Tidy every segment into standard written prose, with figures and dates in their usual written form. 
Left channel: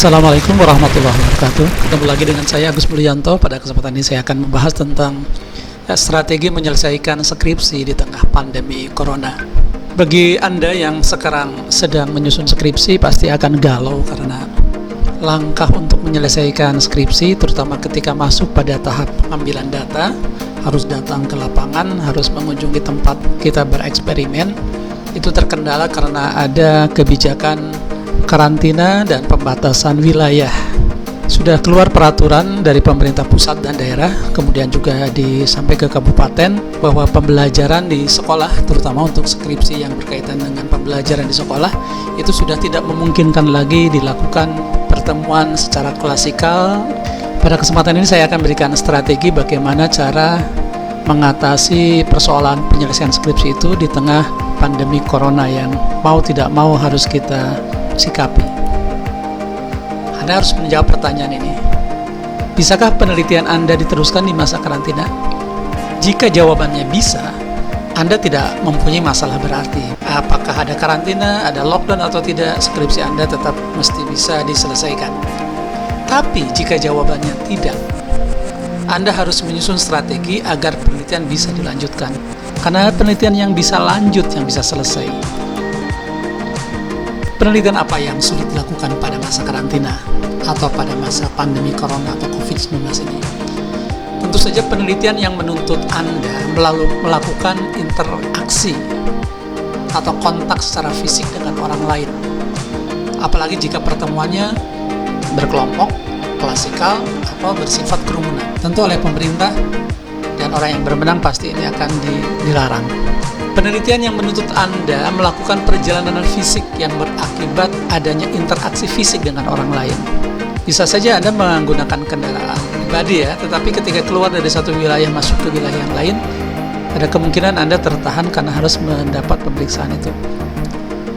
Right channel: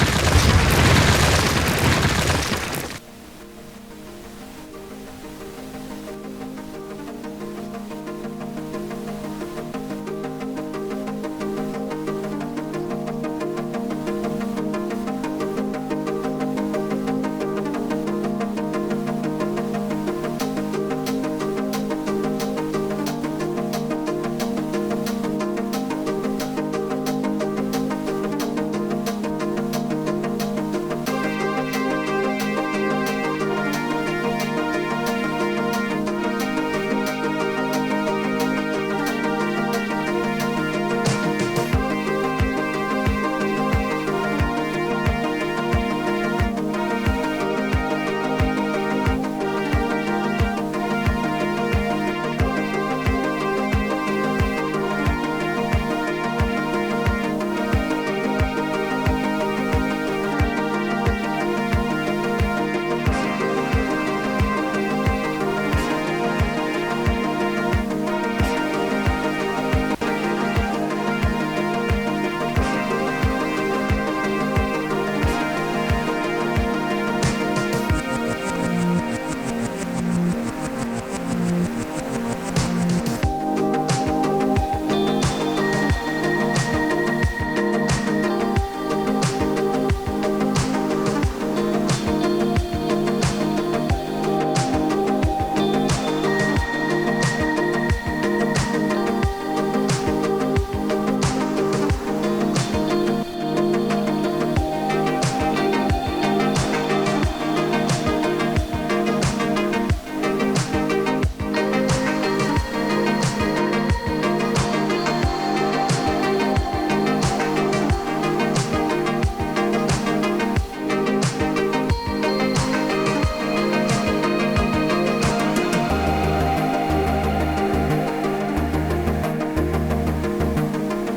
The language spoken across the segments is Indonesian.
Assalamualaikum warahmatullahi wabarakatuh. Kembali lagi dengan saya Agus Mulyanto. Pada kesempatan ini saya akan membahas tentang strategi menyelesaikan skripsi di tengah pandemi corona. Bagi Anda yang sekarang sedang menyusun skripsi pasti akan galau karena langkah untuk menyelesaikan skripsi, terutama ketika masuk pada tahap pengambilan data, harus datang ke lapangan, harus mengunjungi tempat kita bereksperimen, itu terkendala karena ada kebijakan karantina dan pembatasan wilayah. Sudah keluar peraturan dari pemerintah pusat dan daerah, kemudian juga sampai ke kabupaten, bahwa pembelajaran di sekolah, terutama untuk skripsi yang berkaitan dengan pembelajaran di sekolah, itu sudah tidak memungkinkan lagi dilakukan pertemuan secara klasikal. Pada kesempatan ini saya akan berikan strategi bagaimana cara mengatasi persoalan penyelesaian skripsi itu di tengah pandemi corona yang mau tidak mau harus kita sikapi. Anda harus menjawab pertanyaan ini. Bisakah penelitian Anda diteruskan di masa karantina? Jika jawabannya bisa, Anda tidak mempunyai masalah berarti. Apakah ada karantina, ada lockdown atau tidak, skripsi Anda tetap mesti bisa diselesaikan. Tapi jika jawabannya tidak, Anda harus menyusun strategi agar penelitian bisa dilanjutkan. Karena penelitian yang bisa lanjut, yang bisa selesai. Penelitian apa yang sulit dilakukan pada masa karantina atau pada masa pandemi corona atau COVID-19 ini? Tentu saja penelitian yang menuntut Anda melakukan interaksi atau kontak secara fisik dengan orang lain. Apalagi jika pertemuannya berkelompok, klasikal, atau bersifat kerumunan. Tentu oleh pemerintah dan orang yang berwenang pasti ini akan dilarang. Penelitian yang menuntut Anda melakukan perjalanan fisik yang berakibat adanya interaksi fisik dengan orang lain. Bisa saja Anda menggunakan kendaraan pribadi ya, tetapi ketika keluar dari satu wilayah masuk ke wilayah yang lain, ada kemungkinan Anda tertahan karena harus mendapat pemeriksaan itu.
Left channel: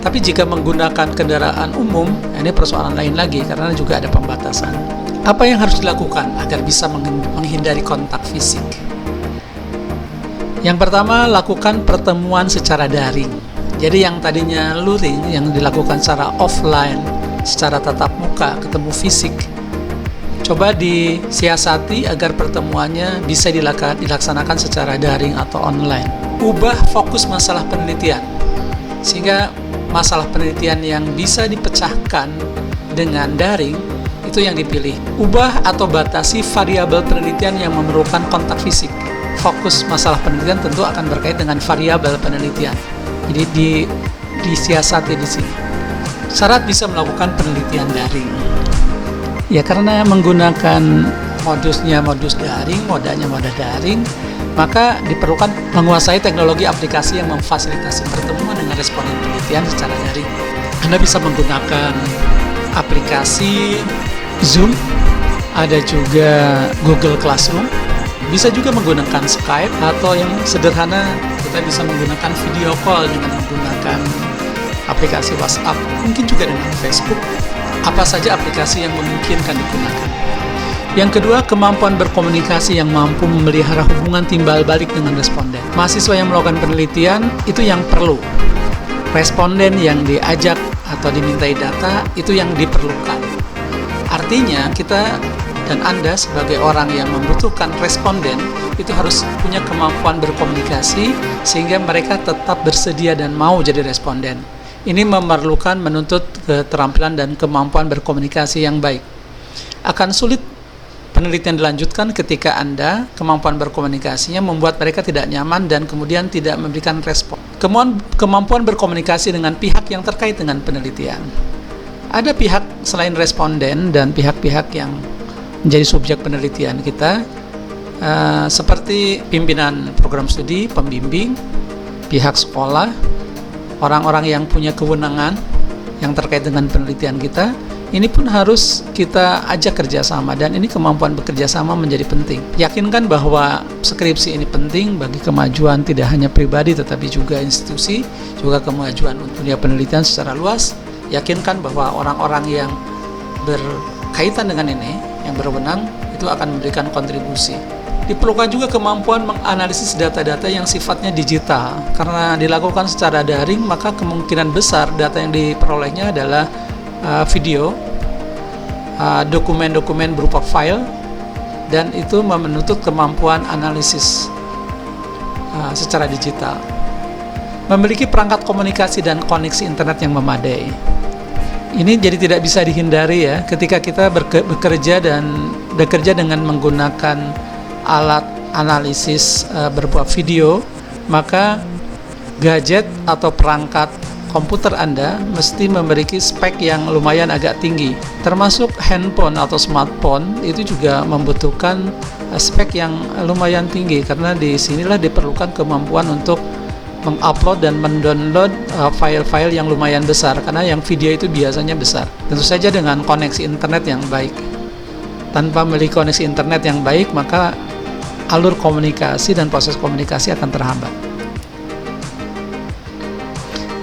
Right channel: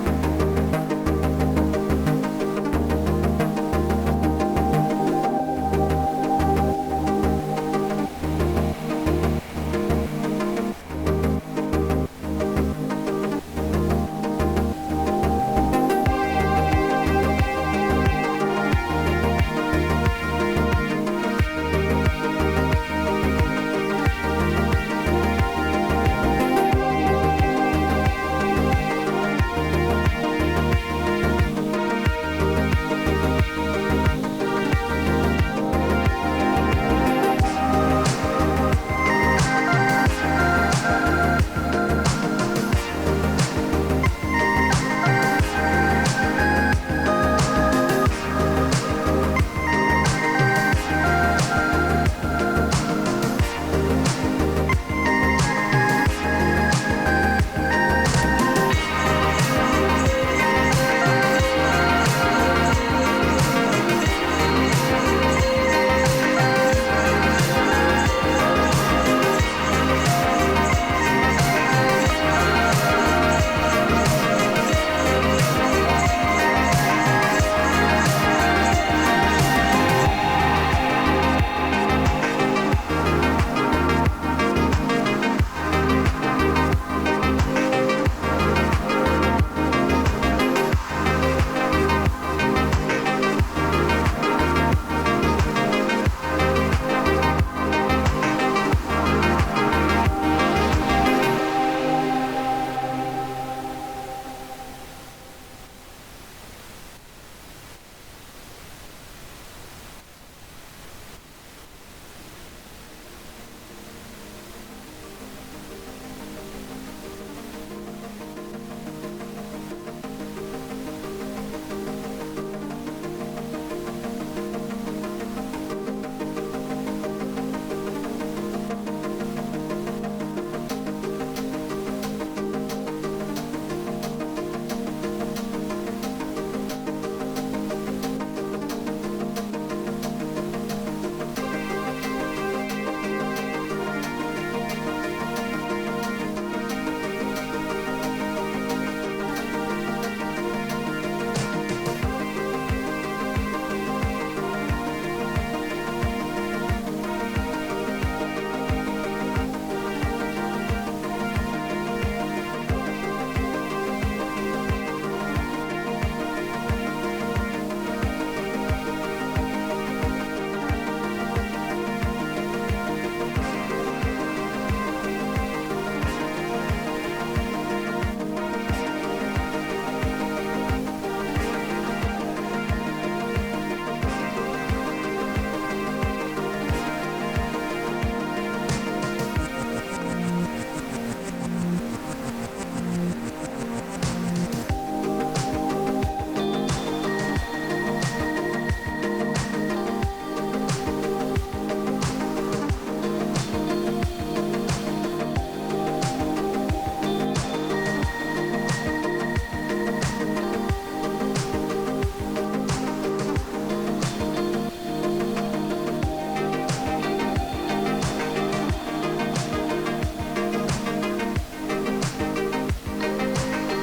Tapi jika menggunakan kendaraan umum, ini persoalan lain lagi karena juga ada pembatasan. Apa yang harus dilakukan agar bisa menghindari kontak fisik? Yang pertama, lakukan pertemuan secara daring. Jadi yang tadinya luring, yang dilakukan secara offline, secara tatap muka, ketemu fisik, coba disiasati agar pertemuannya bisa dilaksanakan secara daring atau online. Ubah fokus masalah penelitian, sehingga masalah penelitian yang bisa dipecahkan dengan daring, itu yang dipilih. Ubah atau batasi variabel penelitian yang memerlukan kontak fisik. Fokus masalah penelitian tentu akan berkait dengan variabel penelitian. Jadi disiasati di sini. Syarat bisa melakukan penelitian daring. Ya karena menggunakan modus daring, modanya moda daring, maka diperlukan menguasai teknologi aplikasi yang memfasilitasi pertemuan dengan responden penelitian secara daring. Anda bisa menggunakan aplikasi Zoom, ada juga Google Classroom. Bisa juga menggunakan Skype atau yang sederhana kita bisa menggunakan video call dengan menggunakan aplikasi WhatsApp, mungkin juga dengan Facebook. Apa saja aplikasi yang memungkinkan digunakan. Yang kedua, kemampuan berkomunikasi yang mampu memelihara hubungan timbal balik dengan responden. Mahasiswa yang melakukan penelitian itu yang perlu. Responden yang diajak atau dimintai data itu yang diperlukan. Artinya kita dan Anda sebagai orang yang membutuhkan responden itu harus punya kemampuan berkomunikasi sehingga mereka tetap bersedia dan mau jadi responden. Ini menuntut keterampilan dan kemampuan berkomunikasi yang baik. Akan sulit penelitian dilanjutkan ketika Anda kemampuan berkomunikasinya membuat mereka tidak nyaman dan kemudian tidak memberikan respon. Kemampuan berkomunikasi dengan pihak yang terkait dengan penelitian. Ada pihak selain responden dan pihak-pihak yang menjadi subjek penelitian kita, seperti pimpinan program studi, pembimbing, pihak sekolah, orang-orang yang punya kewenangan yang terkait dengan penelitian kita. Ini pun harus kita ajak kerjasama, dan ini kemampuan bekerjasama menjadi penting. Yakinkan bahwa skripsi ini penting bagi kemajuan tidak hanya pribadi tetapi juga institusi, juga kemajuan dunia penelitian secara luas. Yakinkan bahwa orang-orang yang berkaitan dengan ini, yang berwenang, itu akan memberikan kontribusi. Diperlukan juga kemampuan menganalisis data-data yang sifatnya digital. Karena dilakukan secara daring, maka kemungkinan besar data yang diperolehnya adalah video dokumen-dokumen berupa file, dan itu menuntut kemampuan analisis secara digital. Memiliki perangkat komunikasi dan koneksi internet yang memadai. Ini jadi tidak bisa dihindari ya, ketika kita bekerja dengan menggunakan alat analisis berupa video, maka gadget atau perangkat komputer Anda mesti memiliki spek yang lumayan agak tinggi. Termasuk handphone atau smartphone itu juga membutuhkan spek yang lumayan tinggi, karena di sinilah diperlukan kemampuan untuk mengupload dan mendownload file-file yang lumayan besar, karena yang video itu biasanya besar. Tentu saja dengan koneksi internet yang baik. Tanpa memiliki koneksi internet yang baik, maka alur komunikasi dan proses komunikasi akan terhambat.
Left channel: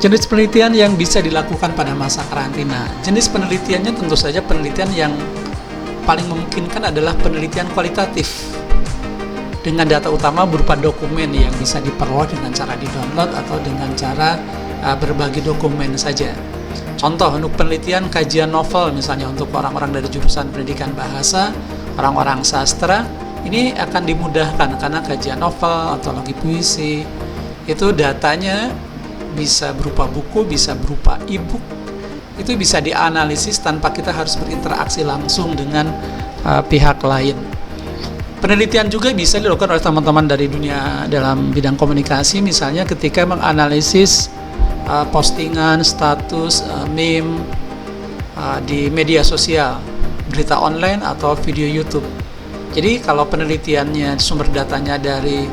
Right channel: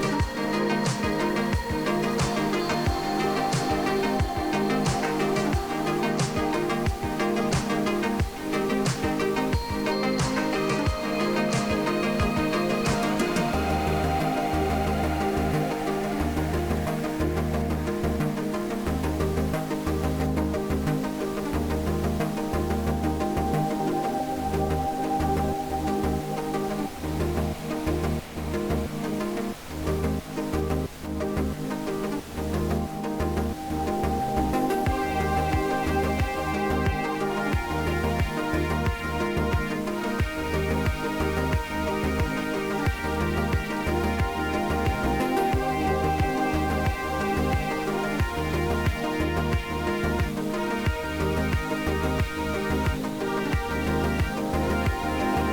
Jenis penelitian yang bisa dilakukan pada masa karantina. Jenis penelitiannya tentu saja penelitian yang paling memungkinkan adalah penelitian kualitatif dengan data utama berupa dokumen yang bisa diperoleh dengan cara di-download atau dengan cara berbagi dokumen saja. Contoh untuk penelitian kajian novel, misalnya untuk orang-orang dari jurusan pendidikan bahasa, orang-orang sastra, ini akan dimudahkan karena kajian novel, antologi puisi, itu datanya bisa berupa buku, bisa berupa e-book, itu bisa dianalisis tanpa kita harus berinteraksi langsung dengan pihak lain. Penelitian juga bisa dilakukan oleh teman-teman dari dunia dalam bidang komunikasi, misalnya ketika menganalisis postingan, status, meme di media sosial, berita online atau video YouTube. Jadi kalau penelitiannya sumber datanya dari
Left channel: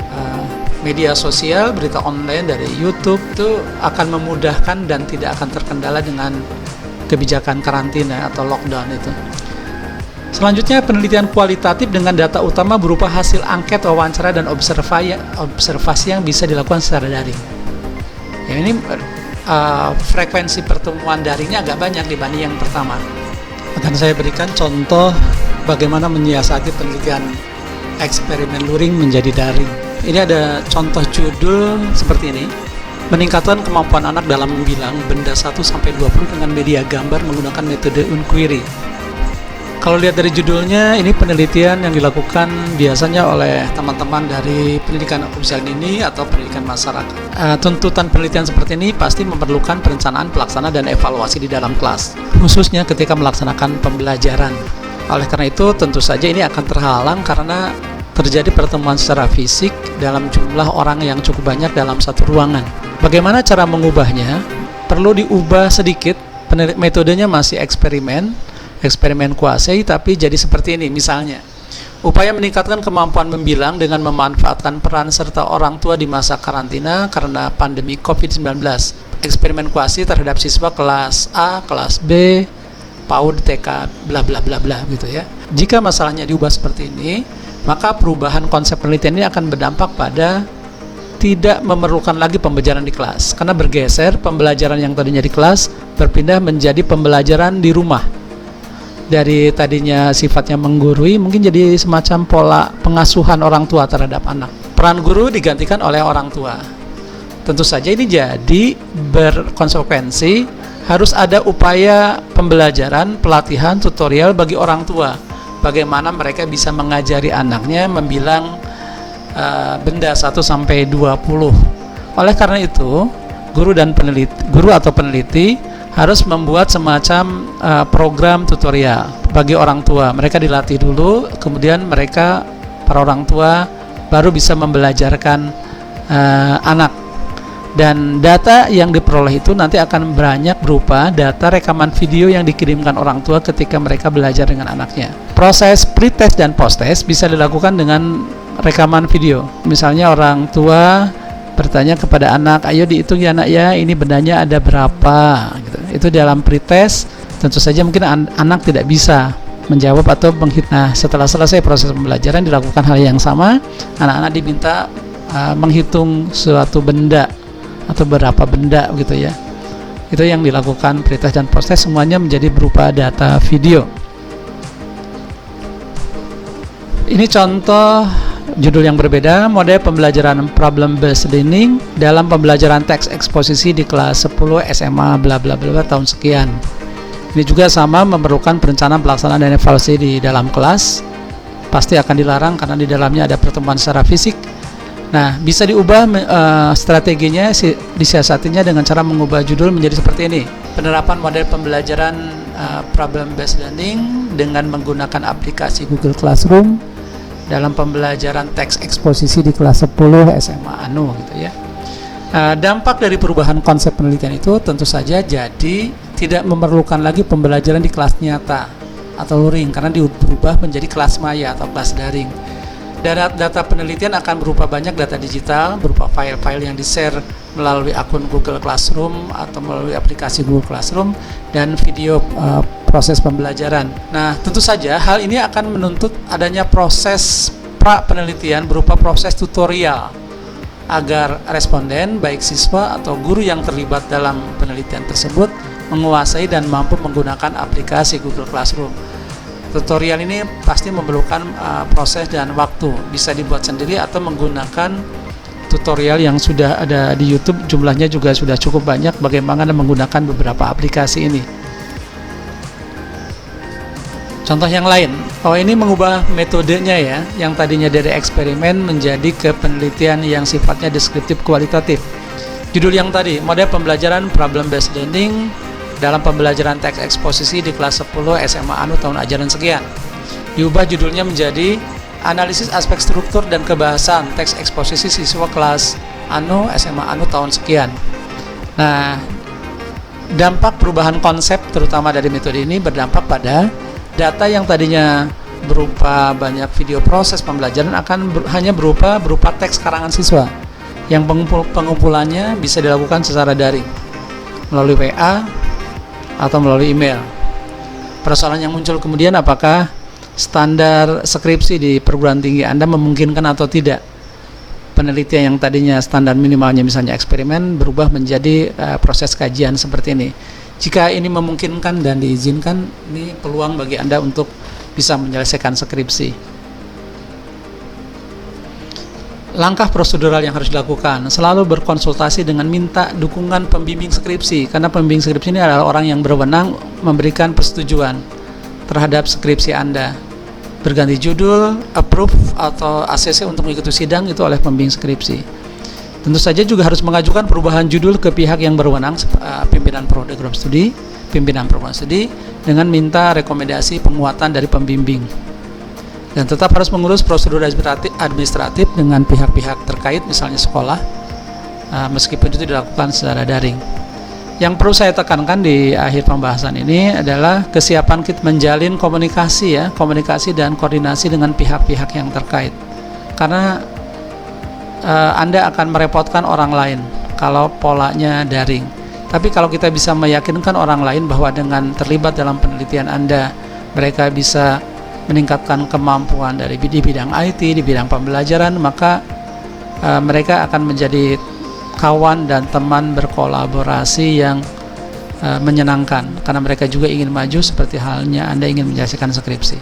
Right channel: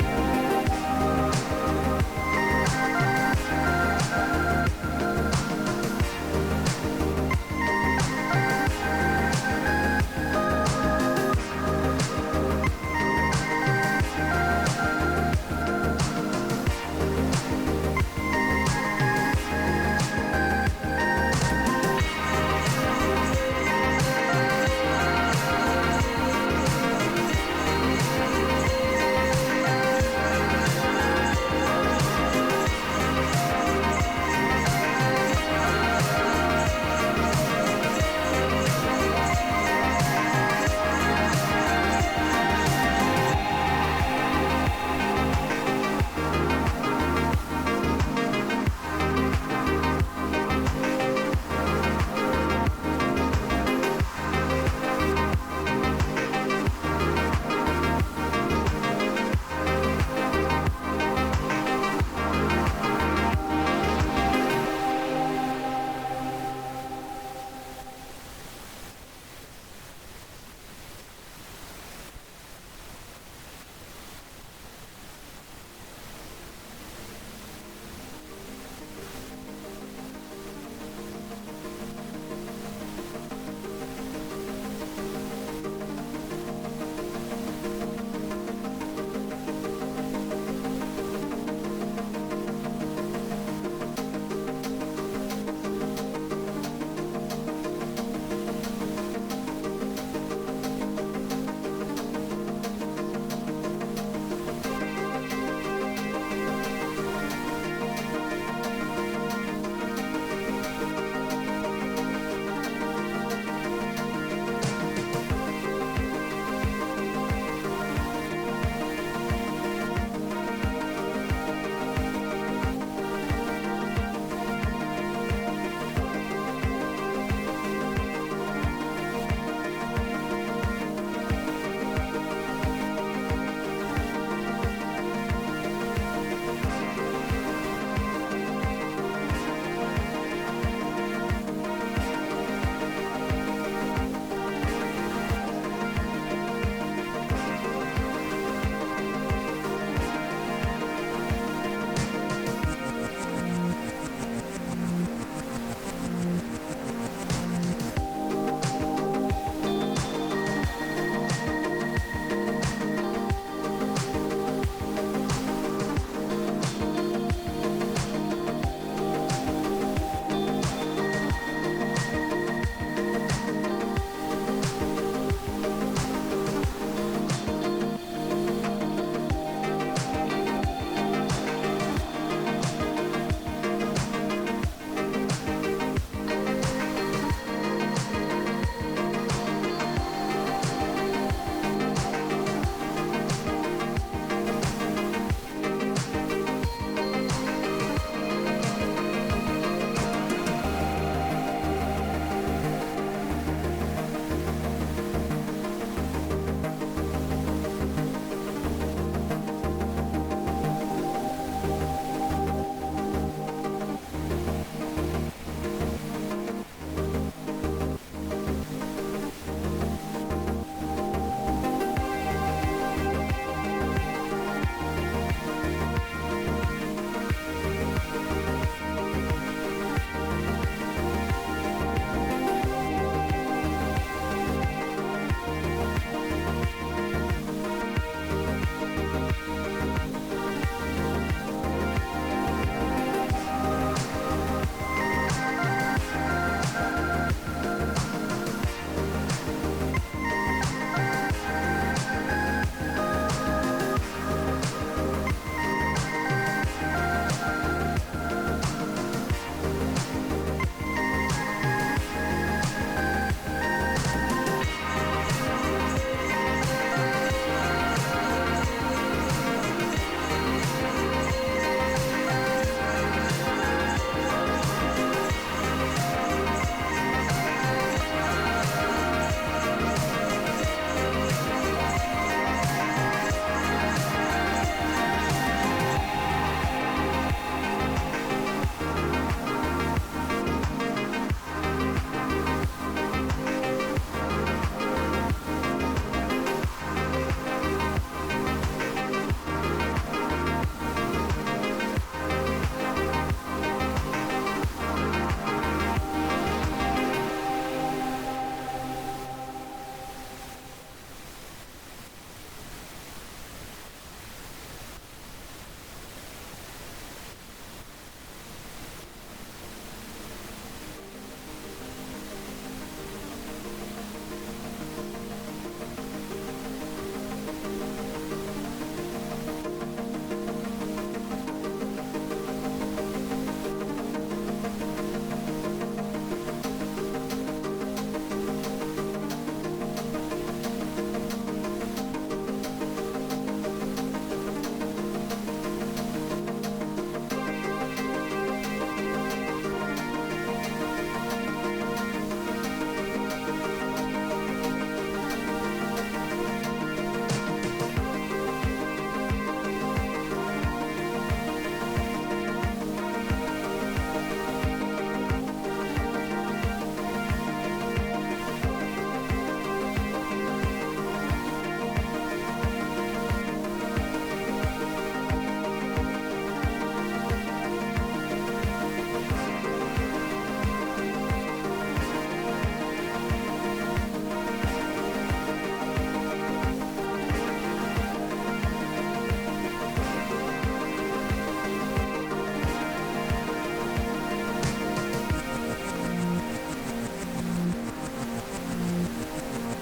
media sosial, berita online dari YouTube, itu akan memudahkan dan tidak akan terkendala dengan kebijakan karantina atau lockdown itu. Selanjutnya, penelitian kualitatif dengan data utama berupa hasil angket, wawancara, dan observasi yang bisa dilakukan secara daring. Ya, ini frekuensi pertemuan daringnya agak banyak dibanding yang pertama. Akan saya berikan contoh bagaimana menyiasati penelitian eksperimen luring menjadi daring. Ini ada contoh judul seperti ini. Meningkatkan kemampuan anak dalam membilang benda 1-20 dengan media gambar menggunakan metode inquiry. Kalau lihat dari judulnya, ini penelitian yang dilakukan biasanya oleh teman-teman dari pendidikan kepolisian ini atau pendidikan masyarakat. Tuntutan penelitian seperti ini pasti memerlukan perencanaan, pelaksanaan, dan evaluasi di dalam kelas, khususnya ketika melaksanakan pembelajaran. Oleh karena itu, tentu saja ini akan terhalang karena terjadi pertemuan secara fisik dalam jumlah orang yang cukup banyak dalam satu ruangan. Bagaimana cara mengubahnya? Perlu diubah sedikit, metodenya masih eksperimen kuasai, tapi jadi seperti ini. Misalnya, upaya meningkatkan kemampuan membilang dengan memanfaatkan peran serta orang tua di masa karantina karena pandemi COVID-19. Eksperimen kuasai terhadap siswa kelas A, kelas B, PAUD, TK, bla bla bla bla gitu ya. Jika masalahnya diubah seperti ini, maka perubahan konsep penelitian ini akan berdampak pada tidak memerlukan lagi pembelajaran di kelas, karena bergeser pembelajaran yang tadinya di kelas berpindah menjadi pembelajaran di rumah. Dari tadinya sifatnya menggurui mungkin jadi semacam pola pengasuhan orang tua terhadap anak. Peran guru digantikan oleh orang tua. Tentu saja ini jadi berkonsekuensi harus ada upaya pembelajaran, pelatihan, tutorial bagi orang tua. Bagaimana mereka bisa mengajari anaknya membilang benda 1-20. Oleh karena itu, guru atau peneliti harus membuat semacam program tutorial bagi orang tua. Mereka dilatih dulu, kemudian para orang tua baru bisa membelajarkan anak. Dan data yang diperoleh itu nanti akan banyak berupa data rekaman video yang dikirimkan orang tua ketika mereka belajar dengan anaknya. Proses pre-test dan post-test bisa dilakukan dengan rekaman video. Misalnya orang tua bertanya kepada anak, ayo dihitung ya anak ya, ini bendanya ada berapa gitu. Itu dalam pre-test. Tentu saja mungkin anak tidak bisa menjawab atau menghitung. Nah, setelah selesai proses pembelajaran dilakukan hal yang sama, anak-anak diminta menghitung suatu benda atau berapa benda gitu ya. Itu yang dilakukan pre-test dan post-test, semuanya menjadi berupa data video. Ini contoh judul yang berbeda, model pembelajaran problem based learning dalam pembelajaran teks eksposisi di kelas 10 SMA bla bla bla tahun sekian. Ini juga sama, memerlukan perencanaan, pelaksanaan, dan evaluasi di dalam kelas. Pasti akan dilarang karena di dalamnya ada pertemuan secara fisik. Nah, bisa diubah strateginya, disiasatinya dengan cara mengubah judul menjadi seperti ini. Penerapan model pembelajaran problem based learning dengan menggunakan aplikasi Google Classroom dalam pembelajaran teks eksposisi di kelas 10 SMA Anu gitu ya. Dampak dari perubahan konsep penelitian itu tentu saja jadi tidak memerlukan lagi pembelajaran di kelas nyata atau luring karena diubah menjadi kelas maya atau kelas daring. Data penelitian akan berupa banyak data digital, berupa file-file yang di-share melalui akun Google Classroom atau melalui aplikasi Google Classroom, dan video proses pembelajaran. Nah, tentu saja hal ini akan menuntut adanya proses pra-penelitian berupa proses tutorial agar responden, baik siswa atau guru yang terlibat dalam penelitian tersebut, menguasai dan mampu menggunakan aplikasi Google Classroom. Tutorial ini pasti memerlukan proses dan waktu, bisa dibuat sendiri atau menggunakan tutorial yang sudah ada di YouTube, jumlahnya juga sudah cukup banyak bagaimana menggunakan beberapa aplikasi ini. Contoh yang lain, ini mengubah metodenya ya, yang tadinya dari eksperimen menjadi ke penelitian yang sifatnya deskriptif kualitatif. Judul yang tadi, model pembelajaran problem based learning dalam pembelajaran teks eksposisi di kelas 10 SMA Anu tahun ajaran sekian. Diubah judulnya menjadi analisis aspek struktur dan kebahasan teks eksposisi siswa kelas Anu SMA Anu tahun sekian. Nah, dampak perubahan konsep terutama dari metode ini berdampak pada data yang tadinya berupa banyak video proses pembelajaran akan hanya berupa teks karangan siswa yang pengumpulannya bisa dilakukan secara daring melalui WA atau melalui email. Persoalan yang muncul kemudian, apakah standar skripsi di perguruan tinggi Anda memungkinkan atau tidak penelitian yang tadinya standar minimalnya misalnya eksperimen berubah menjadi proses kajian seperti ini. Jika ini memungkinkan dan diizinkan, ini peluang bagi Anda untuk bisa menyelesaikan skripsi. Langkah prosedural yang harus dilakukan, selalu berkonsultasi dengan minta dukungan pembimbing skripsi, karena pembimbing skripsi ini adalah orang yang berwenang memberikan persetujuan terhadap skripsi Anda. Berganti judul, approve atau ACC untuk mengikuti sidang itu oleh pembimbing skripsi. Tentu saja juga harus mengajukan perubahan judul ke pihak yang berwenang, pimpinan program studi, pimpinan program studi, dengan minta rekomendasi penguatan dari pembimbing. Dan tetap harus mengurus prosedur administratif dengan pihak-pihak terkait, misalnya sekolah, meskipun itu dilakukan secara daring. Yang perlu saya tekankan di akhir pembahasan ini adalah kesiapan kita menjalin komunikasi dan koordinasi dengan pihak-pihak yang terkait. Karena Anda akan merepotkan orang lain kalau polanya daring. Tapi kalau kita bisa meyakinkan orang lain bahwa dengan terlibat dalam penelitian Anda, mereka bisa meningkatkan kemampuan di bidang IT, di bidang pembelajaran, maka mereka akan menjadi kawan dan teman berkolaborasi yang menyenangkan, karena mereka juga ingin maju seperti halnya Anda ingin menyelesaikan skripsi.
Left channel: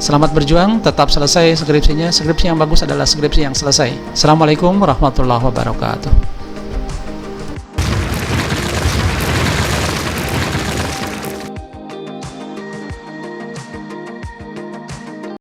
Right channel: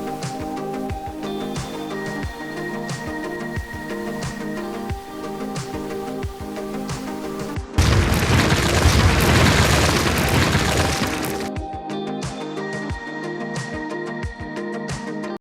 Selamat berjuang, tetap selesai skripsinya. Skripsi yang bagus adalah skripsi yang selesai. Assalamualaikum warahmatullahi wabarakatuh.